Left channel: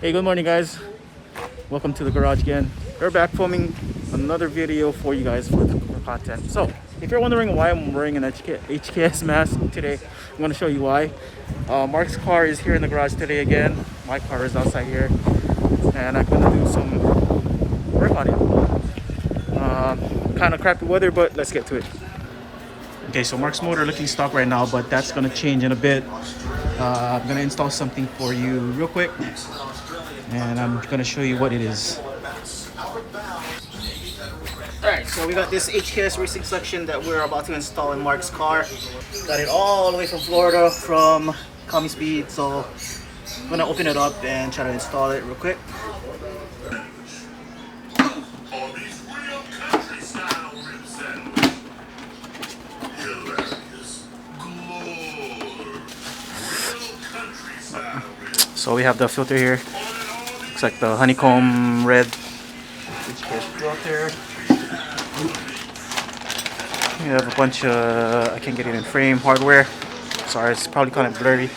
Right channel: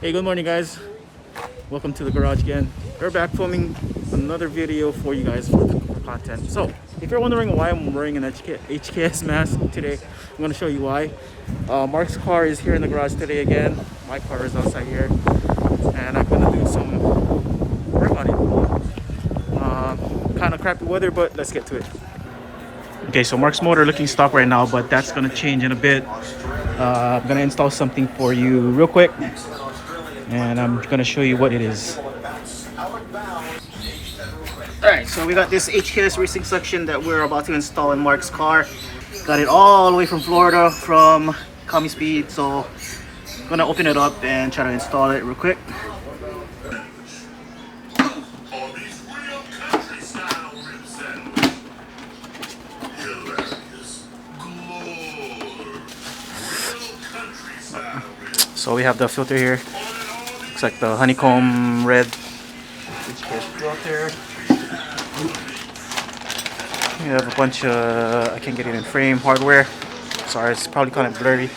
Hey, good morning guys. Welcome to the garage again. We're back filming another video for you guys for content. So if you're wondering why I'm wearing an HKS mask today, I'm going to show you why. Mark's car is here in the garage today again. My car is outside here and I'm going to do some work on it. Kind of crappy weather, but let's get to it. Okay, so Mark's motor looking stock right now, but that's going to change in a bit. I'm going to install something for you real quick and I'm going to show you what it is. Alright, so we got this HKS racing section that we're about to install in Mark's car. Got it all the way from Florida, from Commie Speed, so I'm going to open it up and try to install it real quick. So we have the filter here. Looks like the honeycomb red HKS filter. We have a bunch of, I can't get it in frame, hardware. Sorry, it's probably kind of blurry.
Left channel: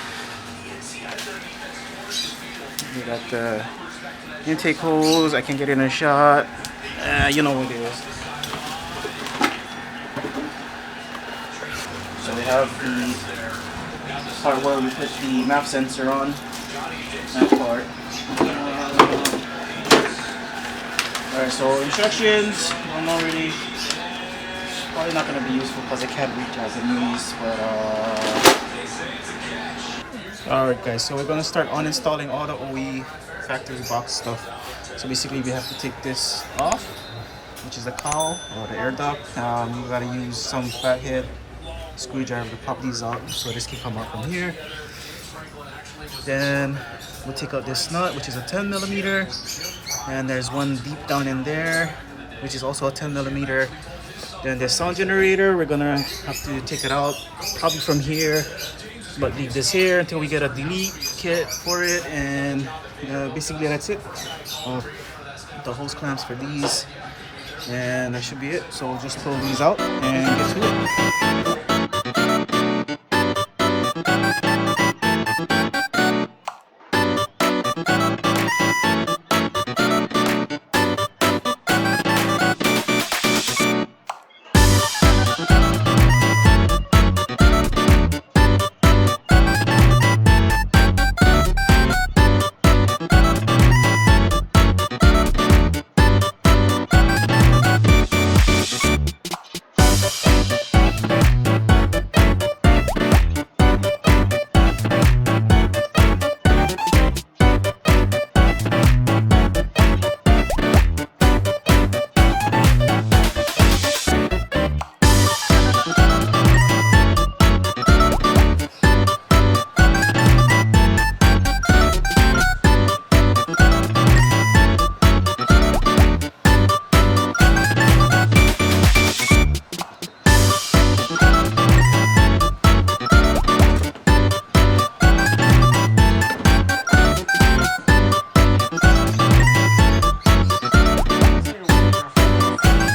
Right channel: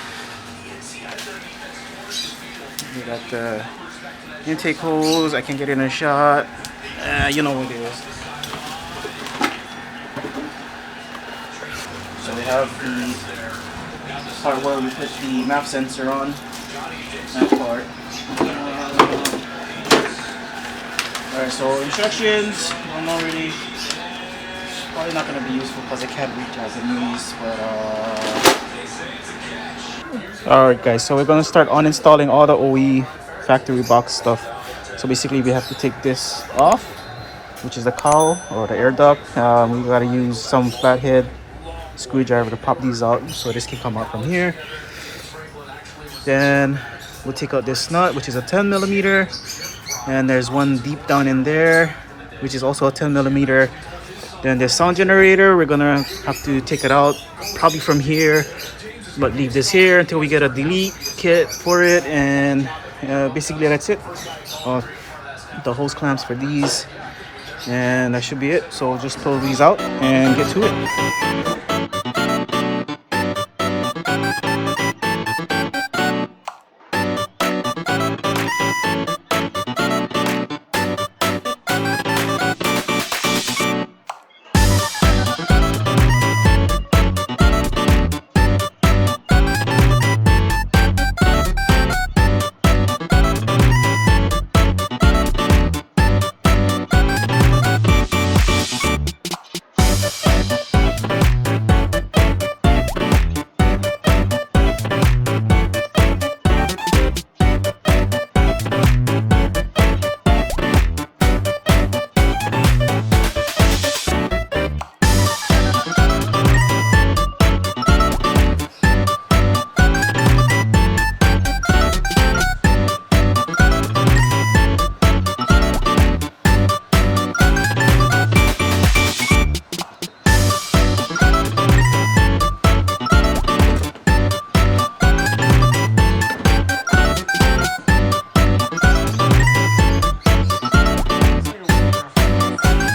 We got the intake hose, I can get it in a shot. You know what it is. So we have the part where we put the map sensor on. That part. Alright, so instructions, I'm already probably not going to be useful because I can't read Japanese, but alright guys, so we're going to start uninstalling all the OE factory box stuff. So basically we have to take this off, which is the cowl or the air duct. We got to use some flathead screwdriver to pop these out so this can come out from here. Then we'll take out this nut, which is a 10mm, and there's one deep down in there, which is also a 10mm. Then the sound generator, we're gonna have to take it out probably from here, but leave this here until we get a delete kit for it. And basically that's it. The hose clamps for these, and that should be it. So just pull these out and get to it.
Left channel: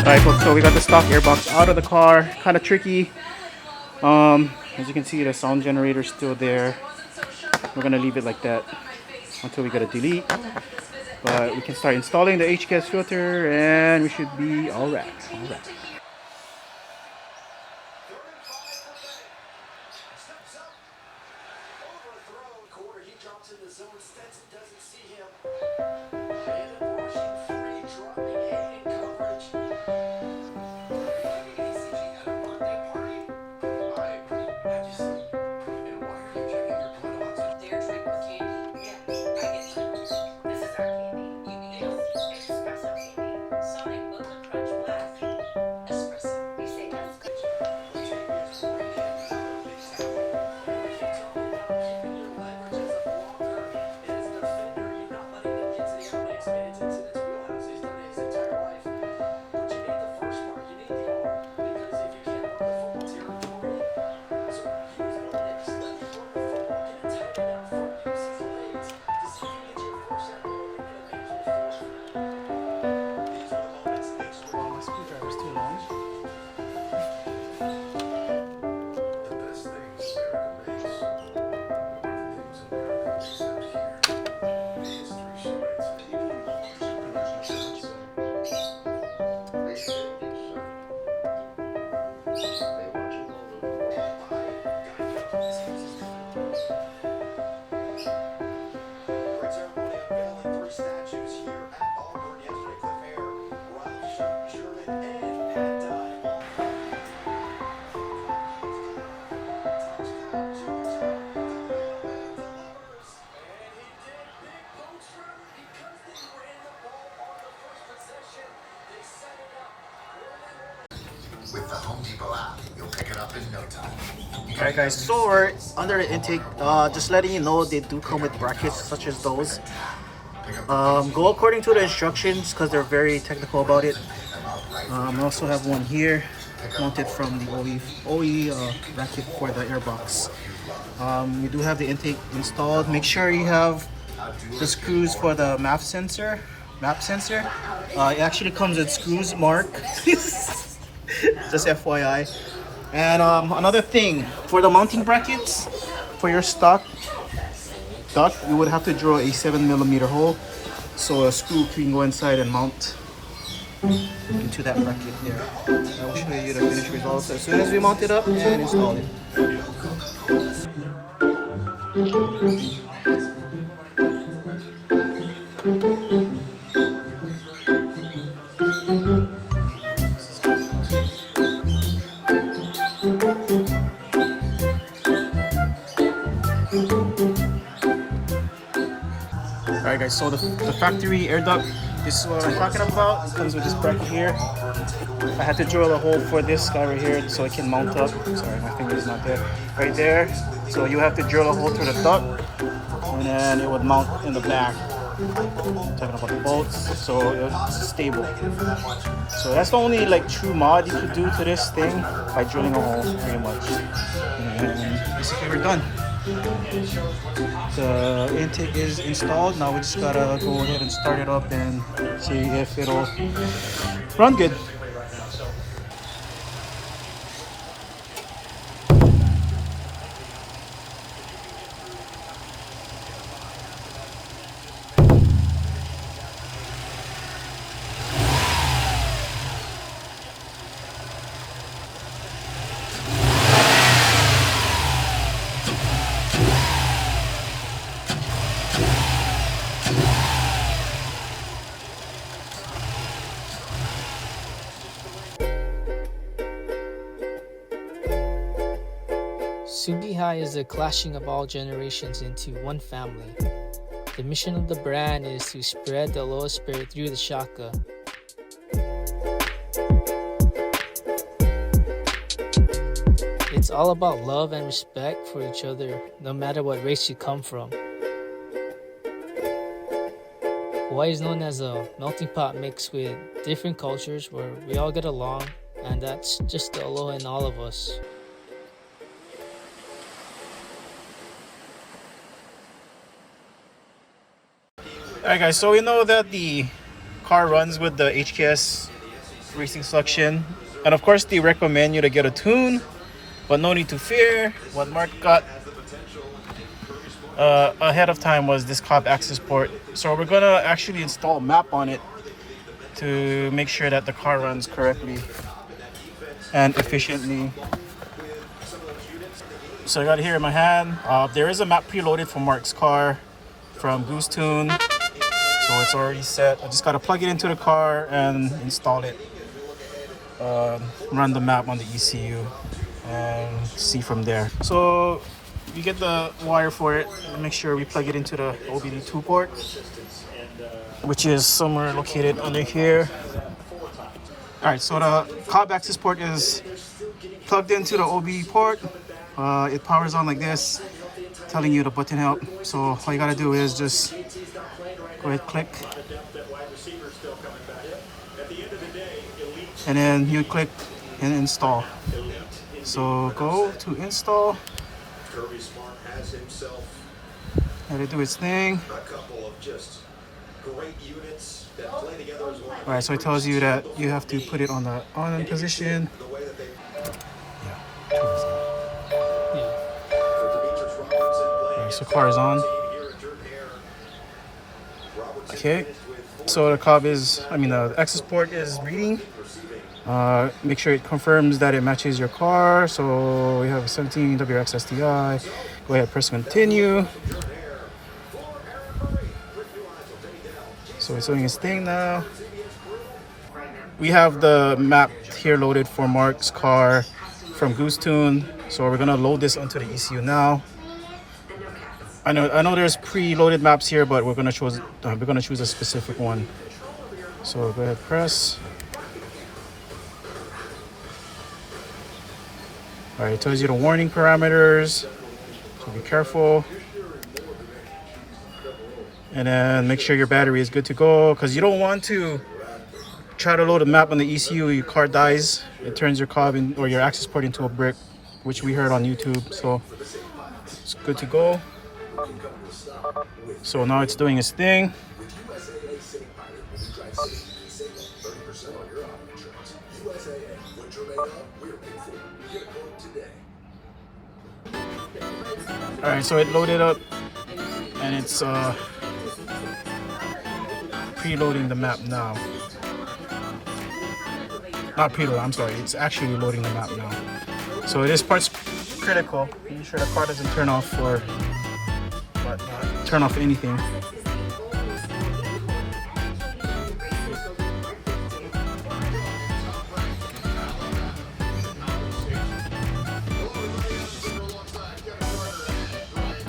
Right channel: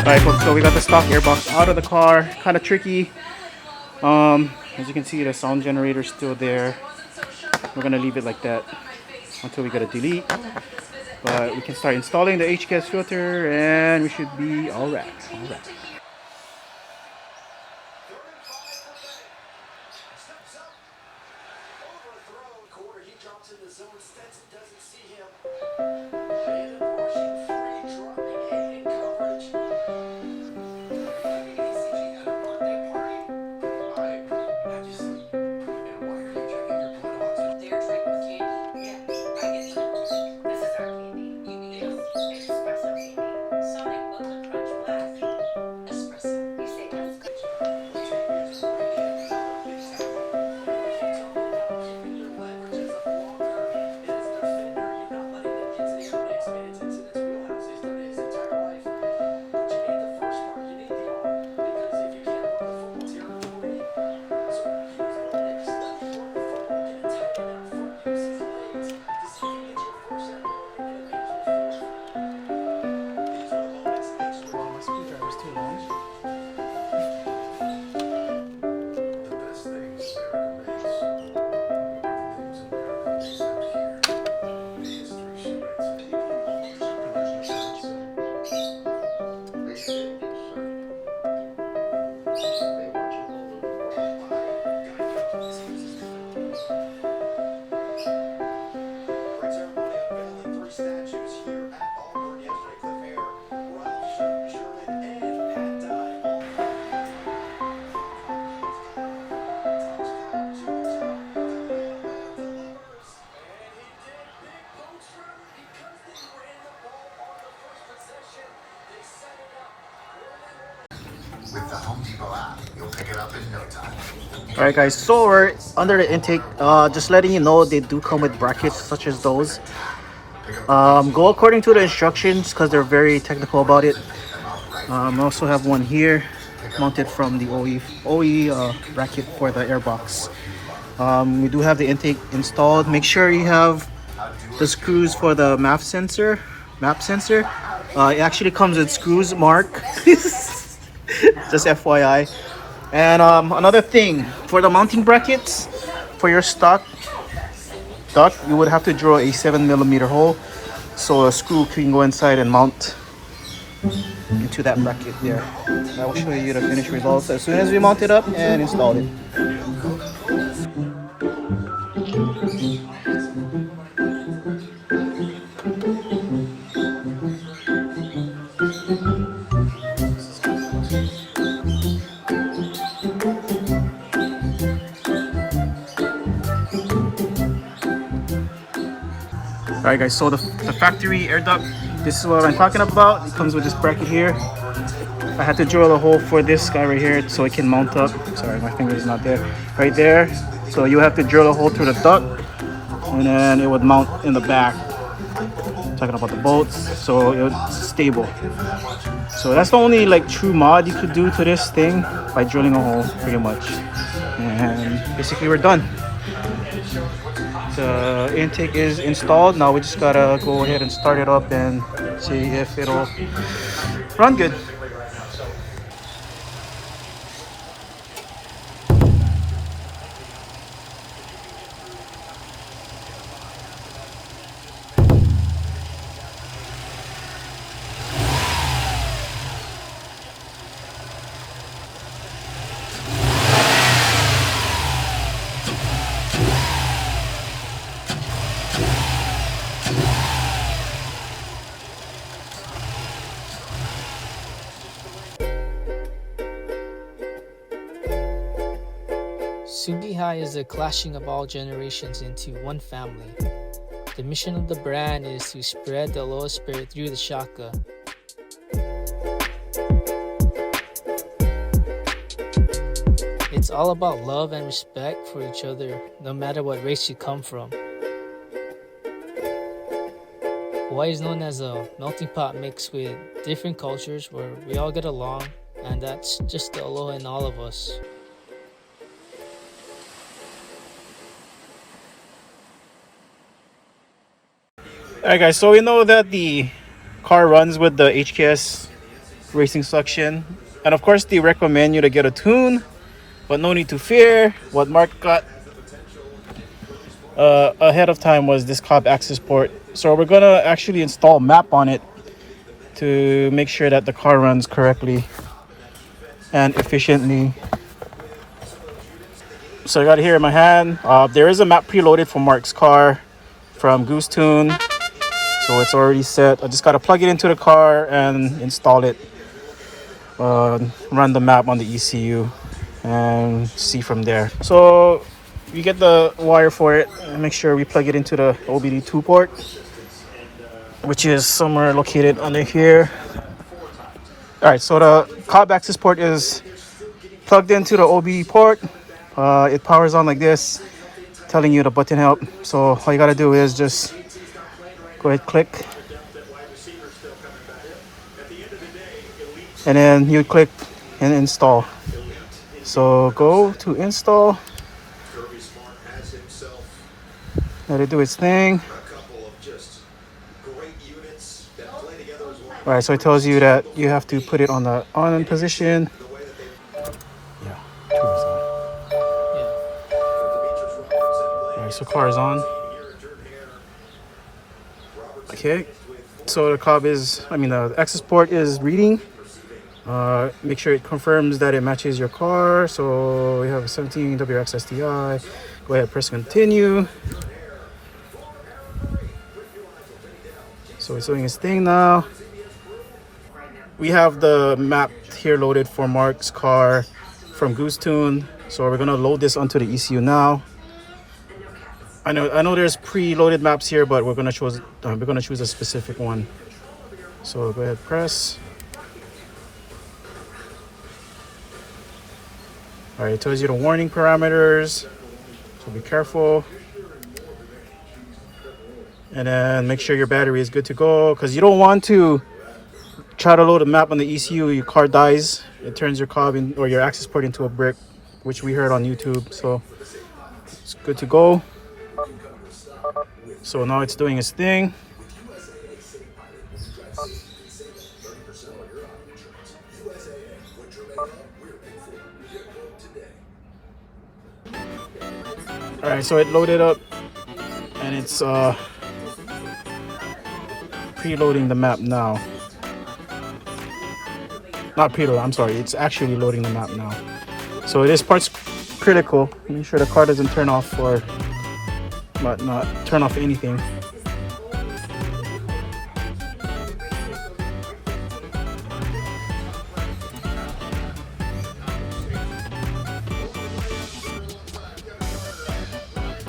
Alright folks, so we got the stock airbox out of the car. Kind of tricky. As you can see, the sound generator is still there. We're gonna leave it like that until we get a delete. But we can start installing the HKS filter and we should be alright. Alright guys, so we're under the intake. Just letting you know they do come with brackets such as those. Go according to the instructions because they're very technical about it. I also have one here mounted from the OE bracket for the airbox. We do have the intake installed. Make sure you have the screws for the map sensor. It actually comes with screws, Mark. Just FYI. And another thing, for the mounting brackets for your stock duct, you would have to drill a 7mm hole so a screw can go inside and mount into that bracket there. I will show you the finished results as soon as we mount it up and install it. Alright guys, so the factory air duct, this is what I'm talking about. It comes with this bracket here. I had to drill a hole for this guy right here so it can mount up. Sorry, my finger is not there. Right there. So you have to drill a hole through the duct and then it would mount in the back. Talking about the bolts, so it's stable. So that's the only like true mod you could do to this thing, by drilling a hole pretty much. And basically we're done. The intake is installed. Now we just gotta go ahead and start it up and see if it'll run good. STI is the clashing of all generations into one family. The mission of the brand is to spread the lowest spirit through the shaka. It's all about love and respect for each other, no matter what race you come from. Hawaii is known as a melting pot mixed with different cultures where we all get along, and that's just the aloha in all of us. Alright guys, so we know that the car runs with the HKS racing suction, and of course they recommend you to get a tune, but no need to fear. What Mark got ahead of time was this Cobb Accessport. So we're gonna actually install a map on it to make sure that the car runs correctly and efficiently. So I got it here in my hand. There is a map preloaded for Mark's car from GooseTuned. So it's already set. I just gotta plug it into the car and install it. Run the map on the ECU and see from there. So you get the wire for it and make sure we plug it into the OBD2 port, which is somewhere located under here. Alright, so the Cobb Accessport is plugged into the OBD port. It powers on like this, telling you the button help. So all you gotta do is just go ahead, click, and then you click and install. So go to install, let it do its thing. Alright, so it tells you that you have to put it on the on position. Yeah, alright, so car is on. Okay, so the Cobb is, the Accessport is reading. Make sure it confirms that it matches your car. So we have a 17 WX STI. Go ahead, press continue. So it's doing its thing now. We have the map here loaded for Mark's car from GooseTuned. So we're gonna load this onto the ECU now. I know there's pre-loaded maps here, but we're gonna choose a specific one. So go ahead, press. All right, it tells you the warning parameters, so be careful. And then make sure your battery is good to go, because you don't want to try to load a map on the ECU, your car dies. It turns your Cobb or your access port into a brick, which we heard on YouTube. So it's good to go. So now it's doing its thing. All right, so it loaded up, and it's preloading the map now. Not preload, I'm sorry, it's actually loading the map now. So this part's critical. Make sure the car doesn't turn off or not turn off anything.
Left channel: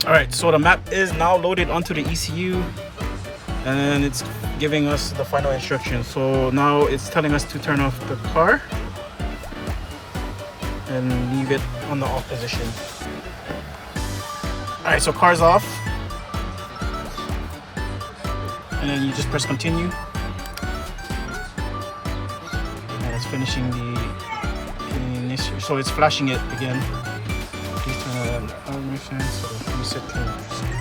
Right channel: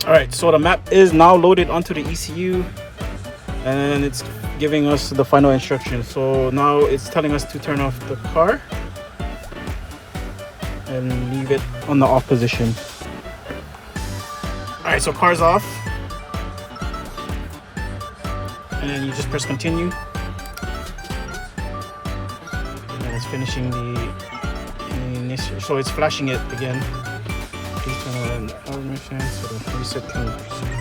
All right, so the map is now loaded onto the ECU, and it's giving us the final instructions. So now it's telling us to turn off the car and leave it on the off position. All right, so car's off, and then you just press continue, and it's finishing the initial. So it's flashing it again. Please turn on automation, so reset tune procedure.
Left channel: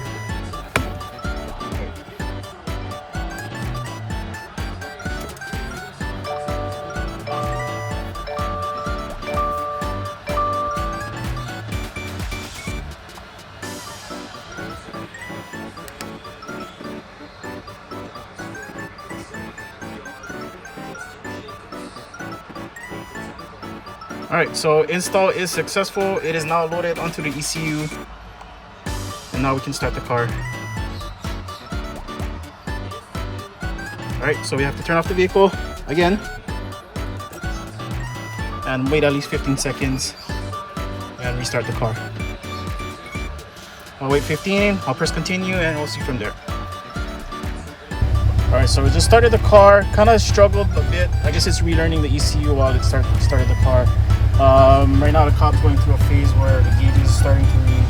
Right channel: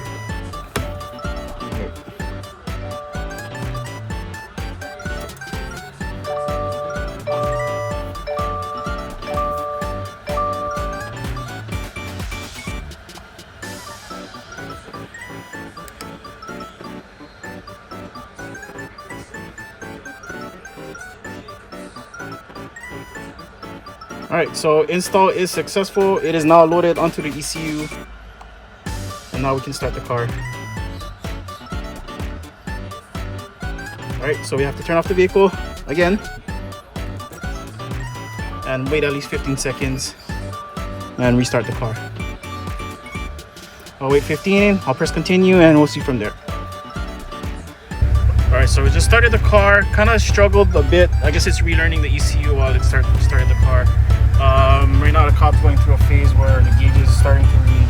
Alright, so install is successful. It is now loaded onto the ECU, and now we can start the car. Alright, so we have to turn off the vehicle again and wait at least 15 seconds and restart the car. I'll wait 15, I'll press continue, and we'll see from there. Alright, so we just started the car. Kind of struggled a bit. I guess it's relearning the ECU while it started the car. Right now the Cobb's going through a phase where the gauge is starting to read.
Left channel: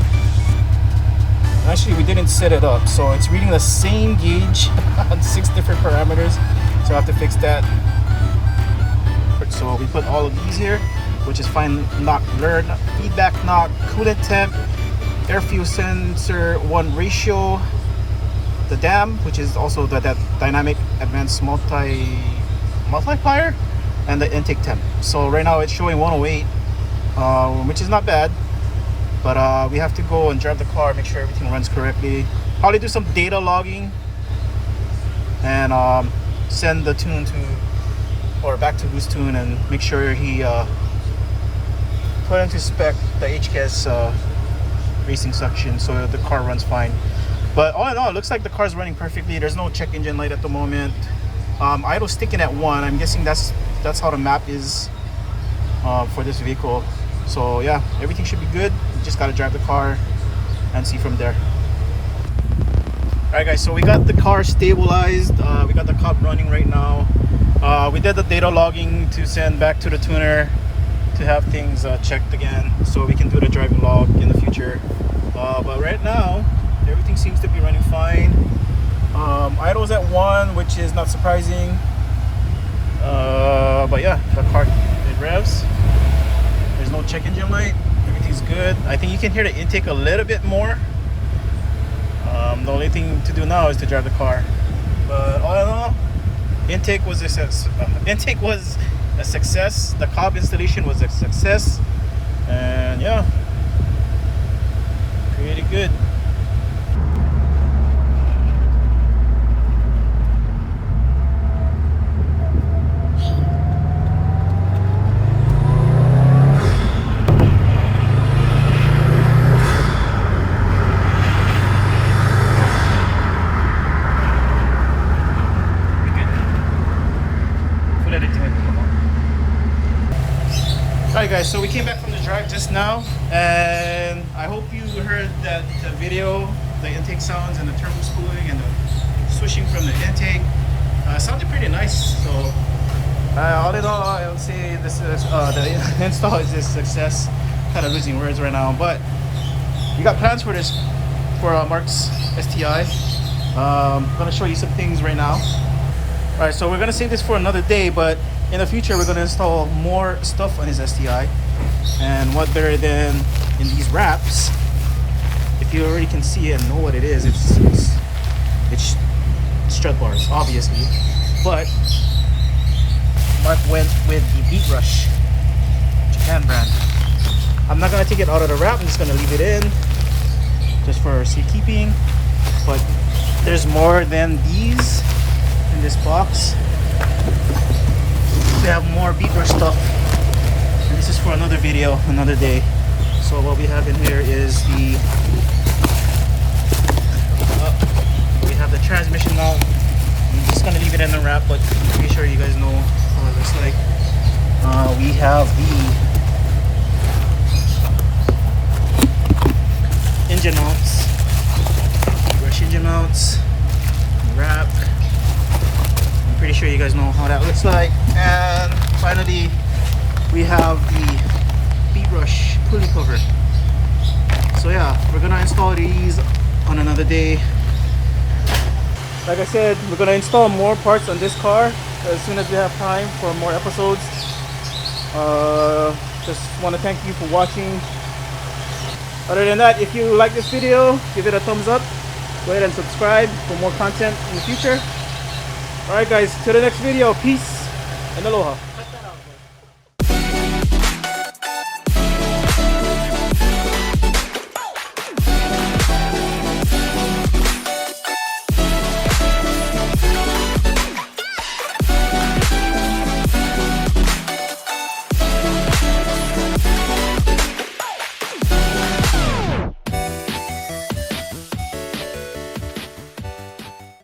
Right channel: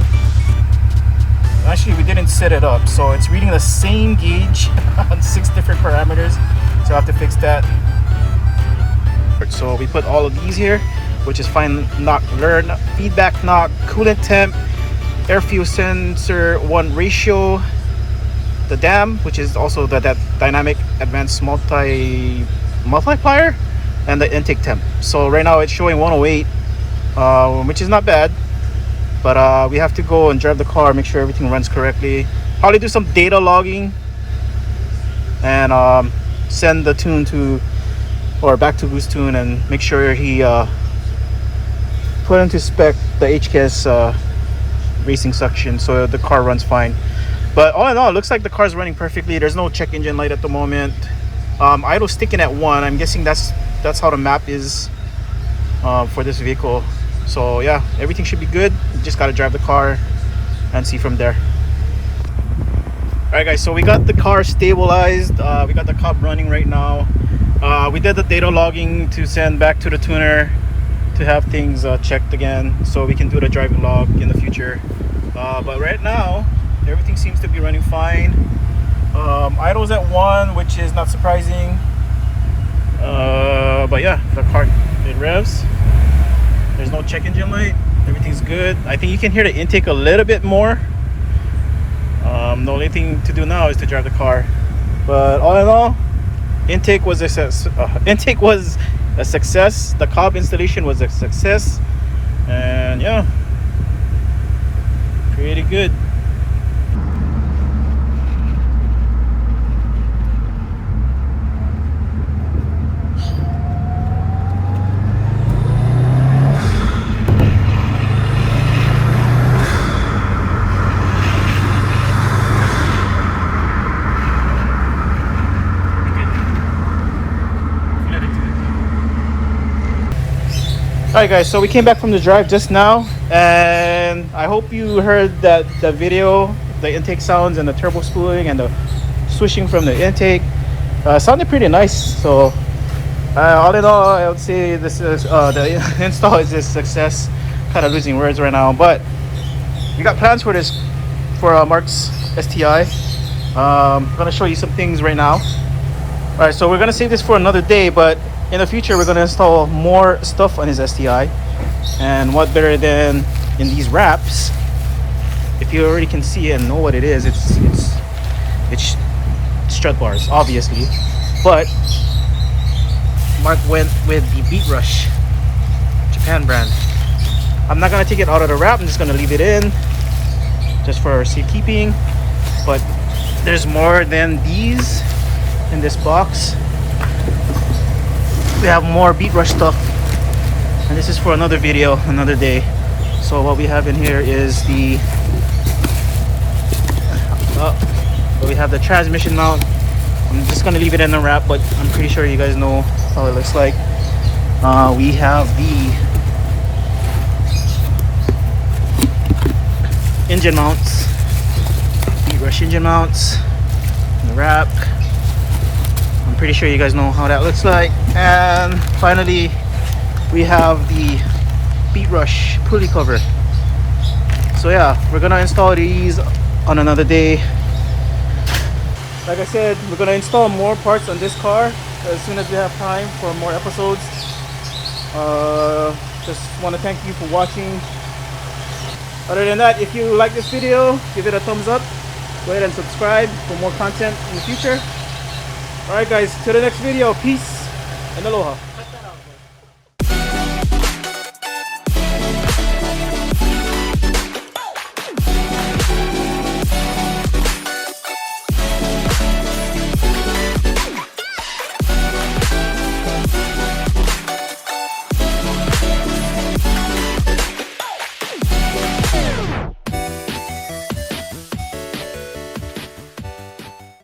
Actually, we didn't set it up, so it's reading the same gauge on 6 different parameters. So I have to fix that. So we put all of these here, which is fine knock, learn, feedback knock, coolant temp, air fuel sensor 1 ratio, the DAM, which is also that dynamic advanced multiplier, and the intake temp. So right now it's showing 108, which is not bad, but we have to go and drive the car, make sure everything runs correctly, probably do some data logging, and send the tune to back to GooseTuned and make sure he put into spec the HKS racing suction so the car runs fine. But all in all, it looks like the car's running perfectly. There's no check engine light at the moment. Idle sticking at 1. I'm guessing that's how the map is for this vehicle. So yeah, everything should be good. You just gotta drive the car and see from there. All right guys, so we got the car stabilized. We got the Cobb running right now. We did the data logging to send back to the tuner to have things checked again, so we can do the driving log in the future. But right now everything seems to be running fine. Idle's at 1, which is not surprising. But yeah, the car, it revs. There's no check engine light. Everything's good. I think you can hear the intake a little bit more. The only thing to do now is to drive the car. But all in all, intake was a success. The Cobb installation was a success, and yeah, pretty good. Alright guys, so we came back from the drive just now, and I hope you heard that the video, the intake sounds and the turbo spooling and the swishing from the intake sounded pretty nice. So all in all, I would say this is the install is a success. Kind kind of losing words right now, but we got plans for this, for Mark's STI. I'm gonna show you some things right now. All right, so we're gonna save this for another day, but in the future we're gonna install more stuff on his STI. And what better than in these wraps? If you already can see and know what it is, it's strut bars, obviously. But Mark went with the Beat Rush Japan brand. I'm not gonna take it out of the wrap. I'm just gonna leave it in, just for safekeeping. But there's more than these in this box. We have more Beat Rush stuff, and this is for another video, another day. So what we have in here is the we have the transmission mount. I'm just gonna leave it in the wrap, but I'm pretty sure you guys know how it looks like. We have the engine mounts, Beat Rush engine mounts in the wrap. I'm pretty sure you guys know how that looks like. And finally, we have the Beat Rush pulley cover. So yeah, we're gonna install these on another day. Like I said, we're gonna install more parts on this car as soon as we have time for more episodes. Just want to thank you for watching. Other than that, if you like this video, give it a thumbs up. Go ahead and subscribe for more content in the future. Alright guys, till the next video, peace and aloha.